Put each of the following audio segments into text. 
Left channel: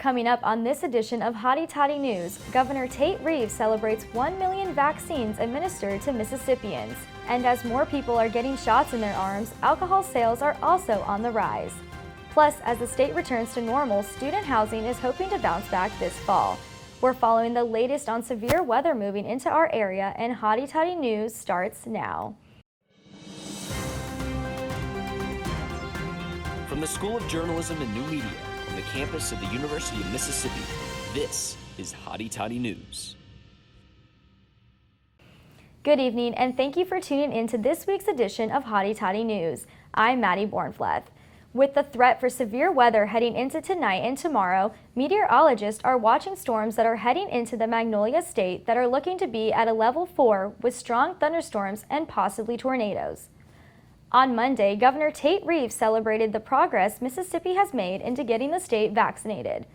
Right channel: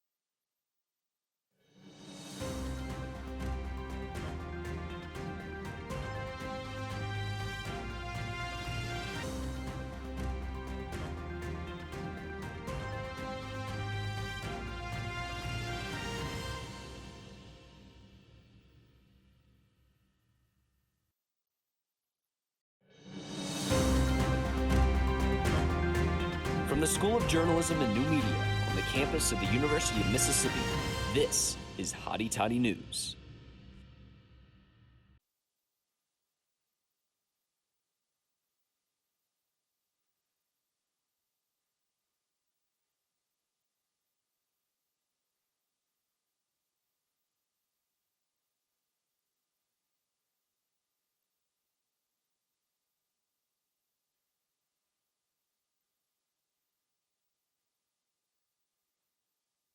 Coming up on this edition of Hotty Toddy News, Governor Tate Reeves celebrates 1 million vaccines administered to Mississippians. And as more people are getting shots in their arms, alcohol sales are also on the rise. Plus, as the state returns to normal, student housing is hoping to bounce back this fall. We're following the latest on severe weather moving into our area, and Hotty Toddy News starts now. From the School of Journalism and New Media on the campus of the University of Mississippi, this is Hotty Toddy News. Good evening, and thank you for tuning in to this week's edition of Hotty Toddy News. I'm Maddie Bornfleth. With the threat for severe weather heading into tonight and tomorrow, meteorologists are watching storms that are heading into the Magnolia State that are looking to be at a level 4 with strong thunderstorms and possibly tornadoes. On Monday, Governor Tate Reeves celebrated the progress Mississippi has made into getting the state vaccinated.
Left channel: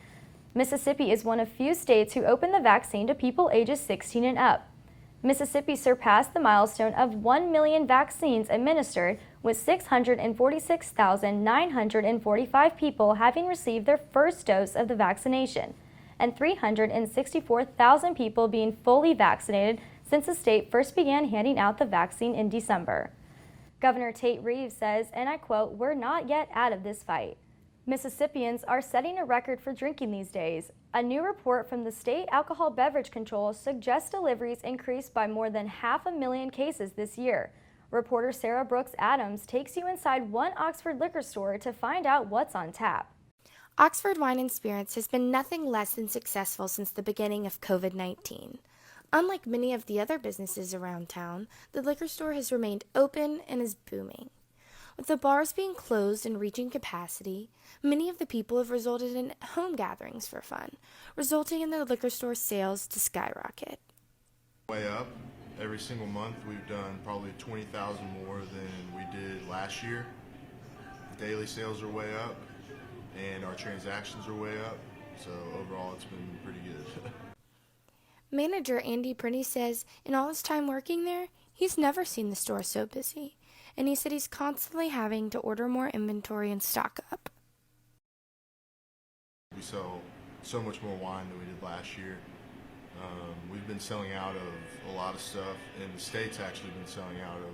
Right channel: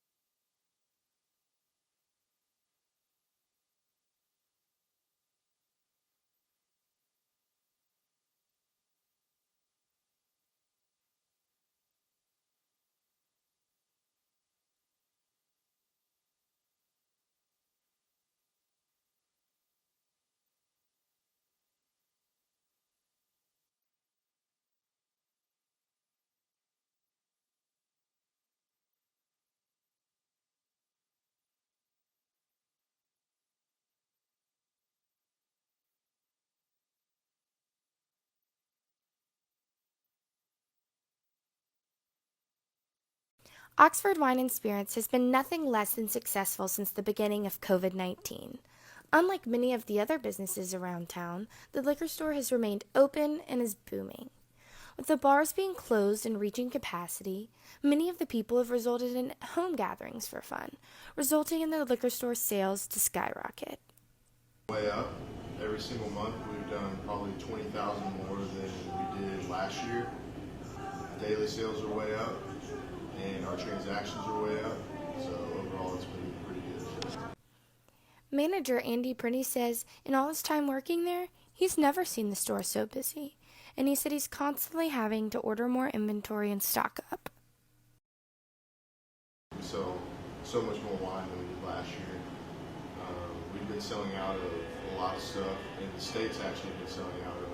Mississippi is one of few states who opened the vaccine to people ages 16 and up. Mississippi surpassed the milestone of 1 million vaccines administered, with 646,945 people having received their first dose of the vaccination, and 364,000 people being fully vaccinated since the state first began handing out the vaccine in December. Governor Tate Reeves says, and I quote, "We're not yet out of this fight." Mississippians are setting a record for drinking these days. A new report from the State Alcohol Beverage Control suggests deliveries increased by more than 500,000 cases this year. Reporter Sarah Brooks Adams takes you inside one Oxford liquor store to find out what's on tap. Oxford Wine and Spirits has been nothing less than successful since the beginning of COVID-19. Unlike many of the other businesses around town, the liquor store has remained open and is booming. With the bars being closed and reaching capacity, many of the people have resulted in home gatherings for fun, resulting in the liquor store sales to skyrocket. Way up. Every single month we've done probably 20,000 more than we did last year. Daily sales are way up and our transactions are way up. So overall it's been pretty good. Manager Andy Printy says in all his time working there, he's never seen the store so busy, and he said he's constantly having to order more inventory and stock up. We sell so much more wine than we did last year. We've been selling out of a lot of stuff, and the state's actually been selling out of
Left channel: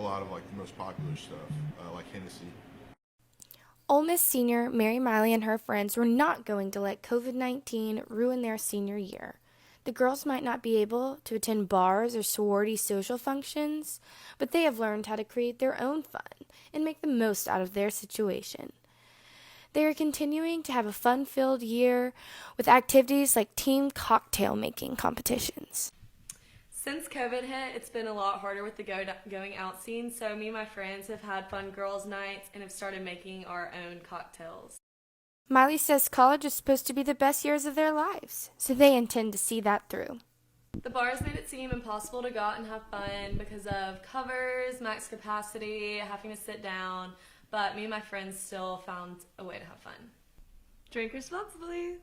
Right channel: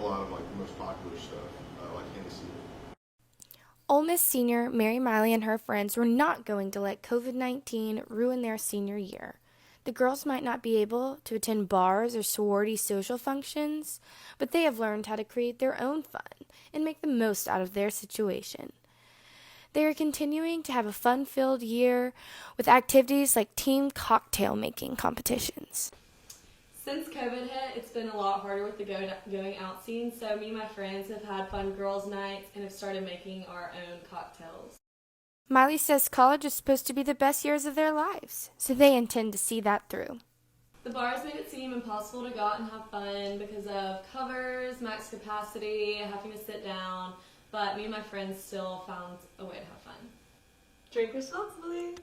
a lot of the most popular stuff, like Hennessy. Ole Miss senior Mary Miley and her friends were not going to let COVID-19 ruin their senior year. The girls might not be able to attend bars or sorority social functions, but they have learned how to create their own fun and make the most out of their situation. They are continuing to have a fun-filled year with activities like team cocktail making competitions. Since COVID hit, it's been a lot harder with the going out scene, so me and my friends have had fun girls' nights and have started making our own cocktails. Miley says college is supposed to be the best years of their lives, so they intend to see that through. The bars made it seem impossible to go out and have fun because of covers, max capacity, having to sit down, but me and my friends still found a way to have fun. Drink responsibly.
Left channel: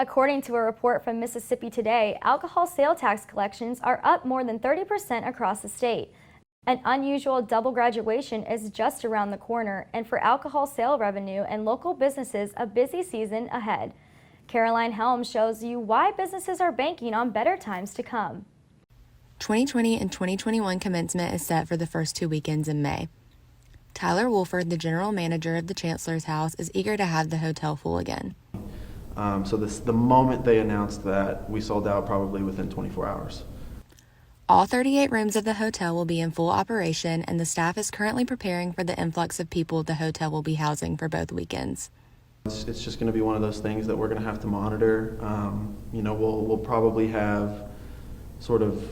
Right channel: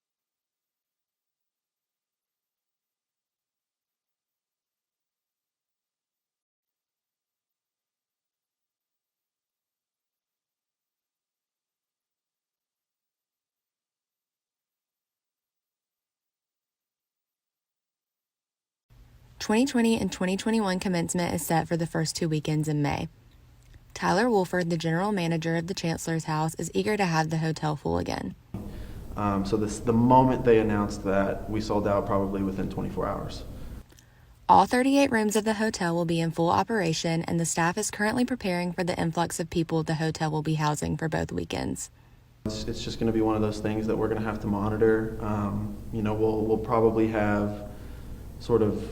According to a report from Mississippi Today, alcohol sale tax collections are up more than 30% across the state. An unusual double graduation is just around the corner, and for alcohol sale revenue and local businesses, a busy season ahead. Caroline Helms shows you why businesses are banking on better times to come. 2020 and 2021 commencement is set for the first 2 weekends in May. Tyler Wolford, the general manager of the Chancellor's House, is eager to have the hotel full again. The moment they announced that, we sold out probably within 24 hours. All 38 rooms of the hotel will be in full operation, and the staff is currently preparing for the influx of people the hotel will be housing for both weekends. It's just going to be one of those things that we're going to have to monitor. We'll probably have sort of,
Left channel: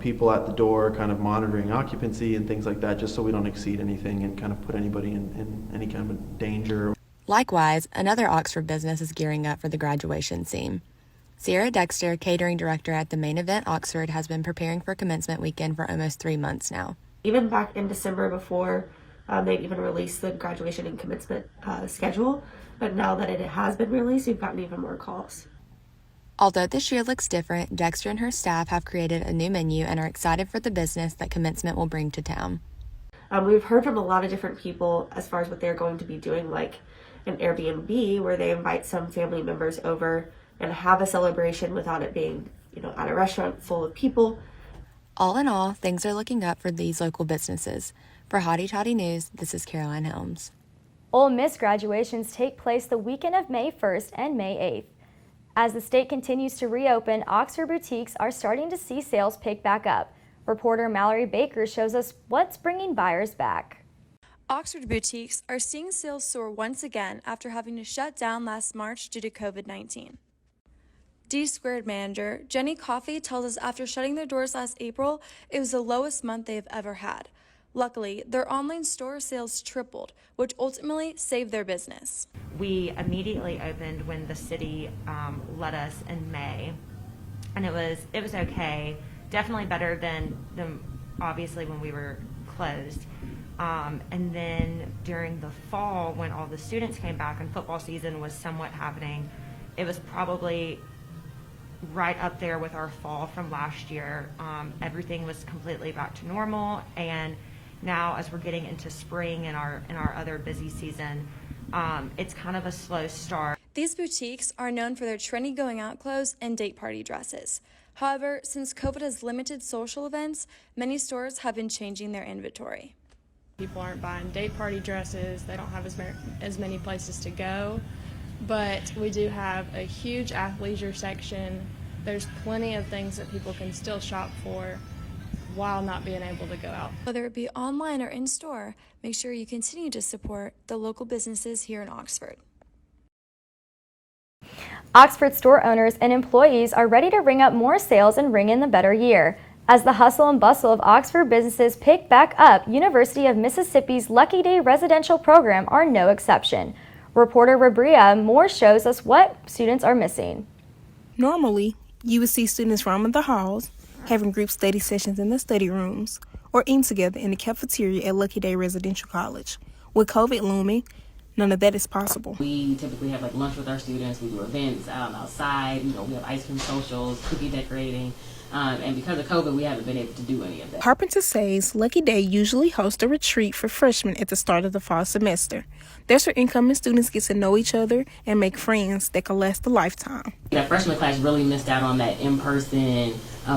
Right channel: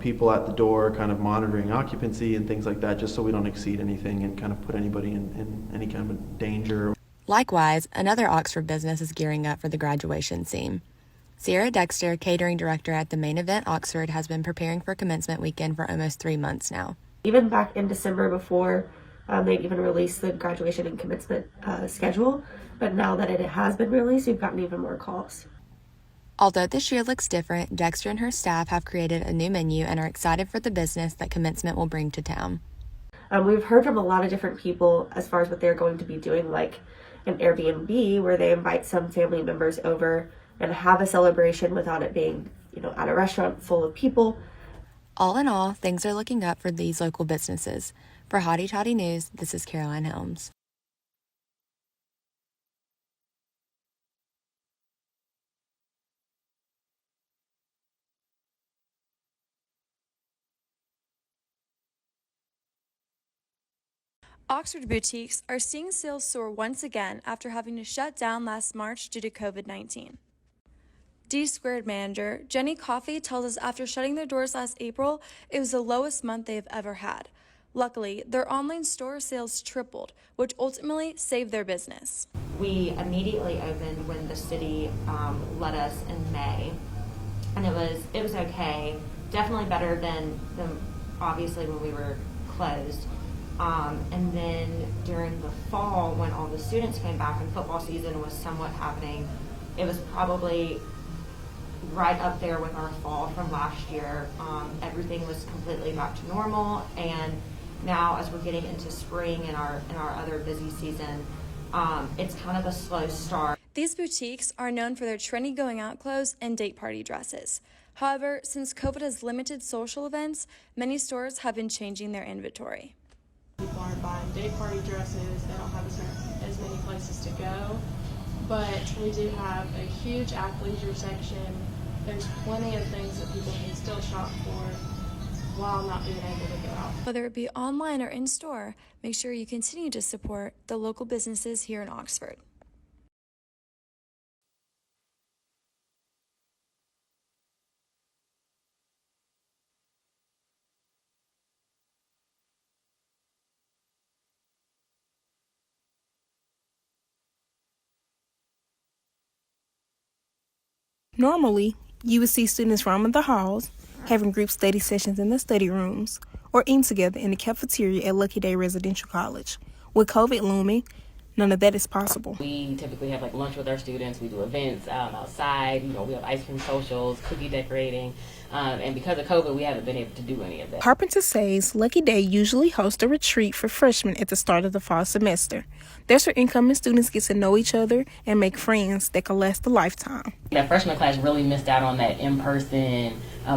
people at the door kind of monitoring occupancy and things like that, just so we don't exceed anything and kind of put anybody in any kind of danger. Likewise, another Oxford business is gearing up for the graduation scene. Sierra Dexter, catering director at the Main Event Oxford, has been preparing for commencement weekend for almost 3 months now. Even back in December before they'd even released the graduation and commencement schedule, but now that it has been released, we've gotten even more calls. Although this year looks different, Dexter and her staff have created a new menu and are excited for the business that commencement will bring to town. We've heard from a lot of different people as far as what they're going to be doing, like an Airbnb where they invite some family members over and have a celebration without it being, at a restaurant full of people. All in all, things are looking up for these local businesses. For Hotty Toddy News, this is Caroline Helms. Ole Miss graduations take place the weekend of May 1st and May 8th. As the state continues to reopen, Oxford boutiques are starting to see sales pick back up. Reporter Mallory Baker shows us what's bringing buyers back. Oxford boutiques are seeing sales soar once again after having to shut down last March due to COVID-19. D-Squared manager Jenny Coffey tells us after shutting their doors last April, it was the lowest month they have ever had. Luckily, their online store sales tripled, which ultimately saved their business. We immediately opened when the city let us in May, and it was okay. Definitely better than obviously when we were closed. And then during the fall, when all the students came back and football season was somewhat happening, it was probably right up there with our fall from last year. Everything was completely back to normal, and now as we're getting into spring and our other busy season, it's kind of a slow start. These boutiques are known for their trendy going out clothes and date party dresses. However, since COVID has limited social events, many stores have been changing their inventory. People aren't buying date party dresses, they don't have as many places to go, but we do have a huge athleisure section. There's plenty of things that people can still shop for while not being able to go out. Whether it be online or in store, make sure you continue to support the local businesses here in Oxford. Oxford store owners and employees are ready to ring up more sales and ring in the better year. As the hustle and bustle of Oxford businesses pick back up, University of Mississippi's Lucky Day residential program are no exception. Reporter Rabria Moore shows us what students are missing. Normally, you would see students roaming the halls, having group study sessions in the study rooms, or eating together in the cafeteria at Lucky Day Residential College. With COVID looming, none of that is possible. We typically have lunch with our students. We do events outside. We have ice cream socials, cookie decorating. And because of COVID, we haven't been able to do any of that. Carpenter says Lucky Day usually hosts a retreat for freshmen at the start of the fall semester. That's where incoming students get to know each other and make friends that can last a lifetime. That freshman class really missed out on that in-person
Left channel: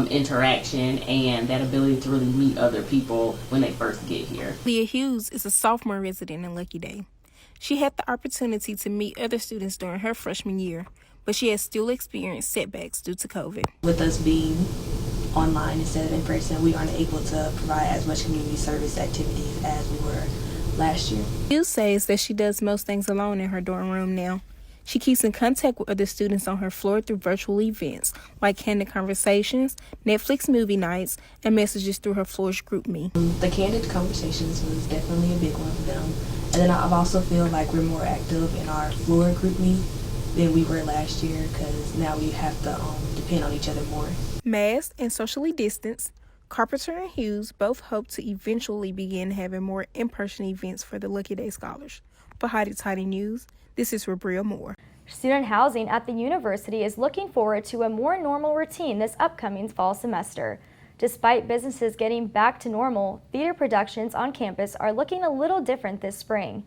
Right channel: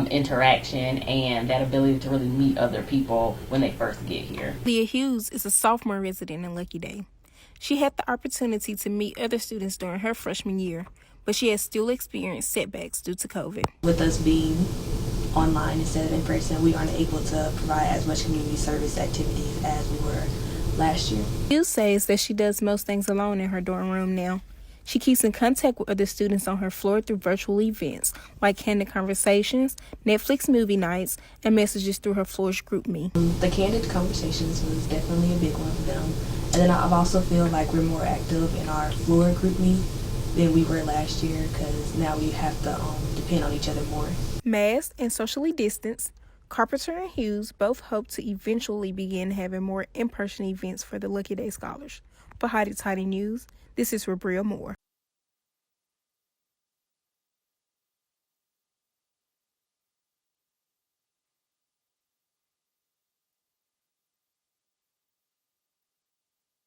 interaction and that ability to really meet other people when they first get here. Leah Hughes is a sophomore resident in Lucky Day. She had the opportunity to meet other students during her freshman year, but she has still experienced setbacks due to COVID. With us being online instead of in person, we aren't able to provide as much community service activities as we were last year. Hughes says that she does most things alone in her dorm room now. She keeps in contact with other students on her floor through virtual events like candid conversations, Netflix movie nights, and messages through her floor's group me. The candid conversations was definitely a big one for them. And then I also feel like we're more active in our floor group me than we were last year because now we have to depend on each other more. Masked and socially distanced, Carpenter and Hughes both hope to eventually begin having more in-person events for the Lucky Day Scholars. For Hotty Toddy News, this is Rabria Moore. Student housing at the university is looking forward to a more normal routine this upcoming fall semester. Despite businesses getting back to normal, theater productions on campus are looking a little different this spring.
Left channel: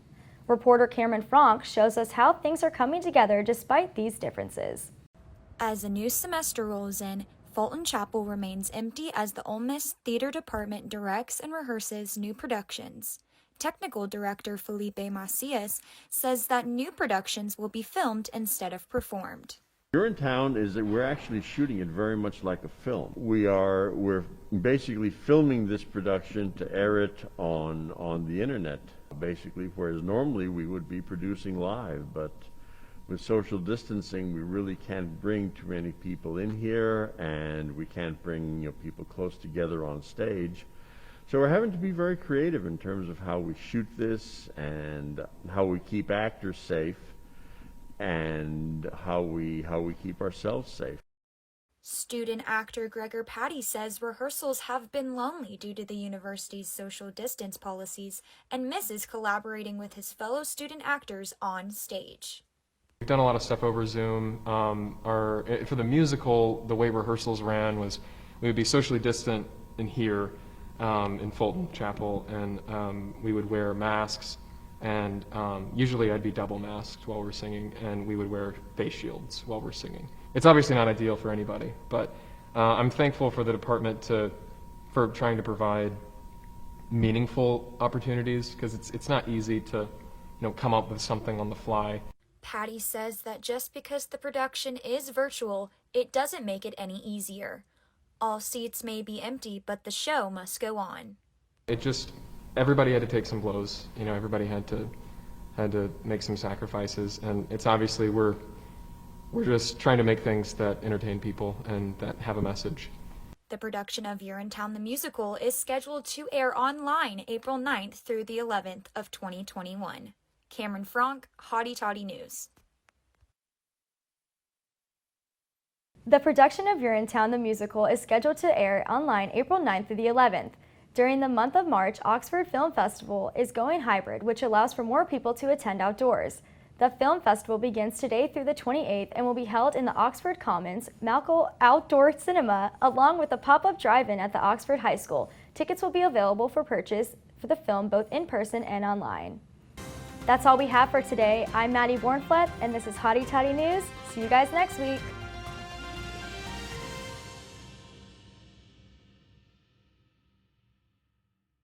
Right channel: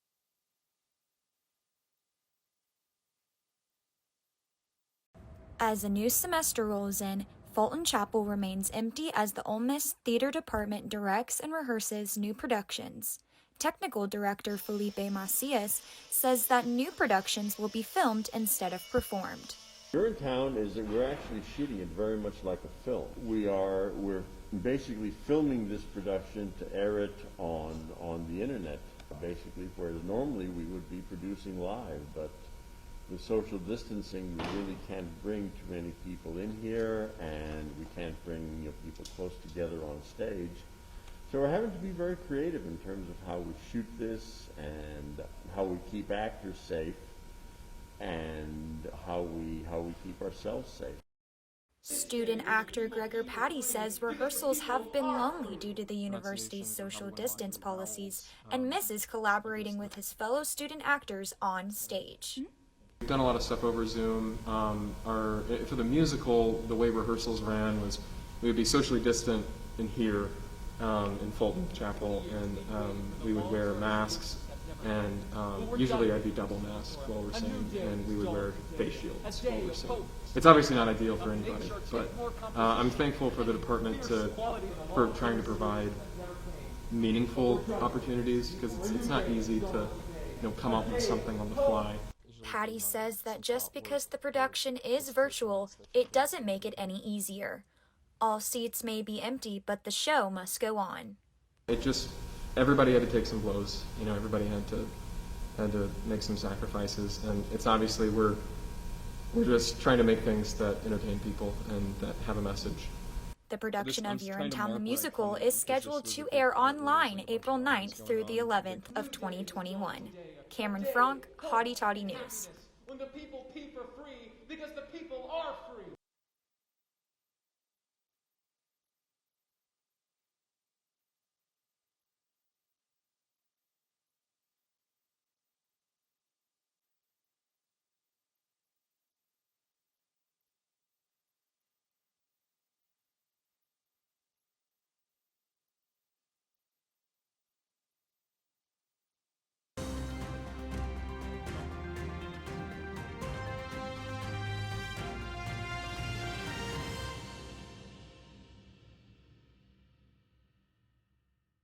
Reporter Cameron Frank shows us how things are coming together despite these differences. As the new semester rolls in, Fulton Chapel remains empty as the Ole Miss Theater Department directs and rehearses new productions. Technical Director Felipe Macias says that new productions will be filmed instead of performed. Here in town is that we're actually shooting it very much like a film. We're basically filming this production to air it on the internet, basically, whereas normally we would be producing live, but with social distancing we really can't bring too many people in here, and we can't bring people close together on stage. So we're having to be very creative in terms of how we shoot this and how we keep actors safe and how we keep ourselves safe. Student actor Gregor Patty says rehearsals have been lonely due to the university's social distance policies and misses collaborating with his fellow student actors on stage. We've done a lot of stuff over Zoom. For the musical, the way rehearsals ran was we would be socially distant in here in Fulton Chapel, and we would wear masks And usually I'd be double masked while we're singing, and we would wear face shields while we're singing. It's obviously not ideal for anybody, but I'm thankful for the department for trying to provide meaningful opportunities, because it's not easy to come up with something on the fly. Patty says that just because the production is virtual, it doesn't make it any easier. All seats may be empty, but the show must go on. Everybody had to take some blows. Everybody had to make some sacrifices, and it's obviously we're just trying to make things that entertain people and that have a message. The production of Urinetown the Musical is scheduled to air online April 9th through the 11th of 2021. Cameron Frank, Hotty Toddy News. The production of Urinetown the Musical is scheduled to air online April 9th through the 11th. During the month of March, Oxford Film Festival is going hybrid, which allows for more people to attend outdoors. The film festival begins today through the 28th and will be held in the Oxford Commons Malco Outdoor Cinema, along with a pop-up drive-in at the Oxford High School. Tickets will be available for purchase for the film both in person and online. That's all we have for today. I'm Maddie Bornfleth, and this is Hotty Toddy News. See you guys next week.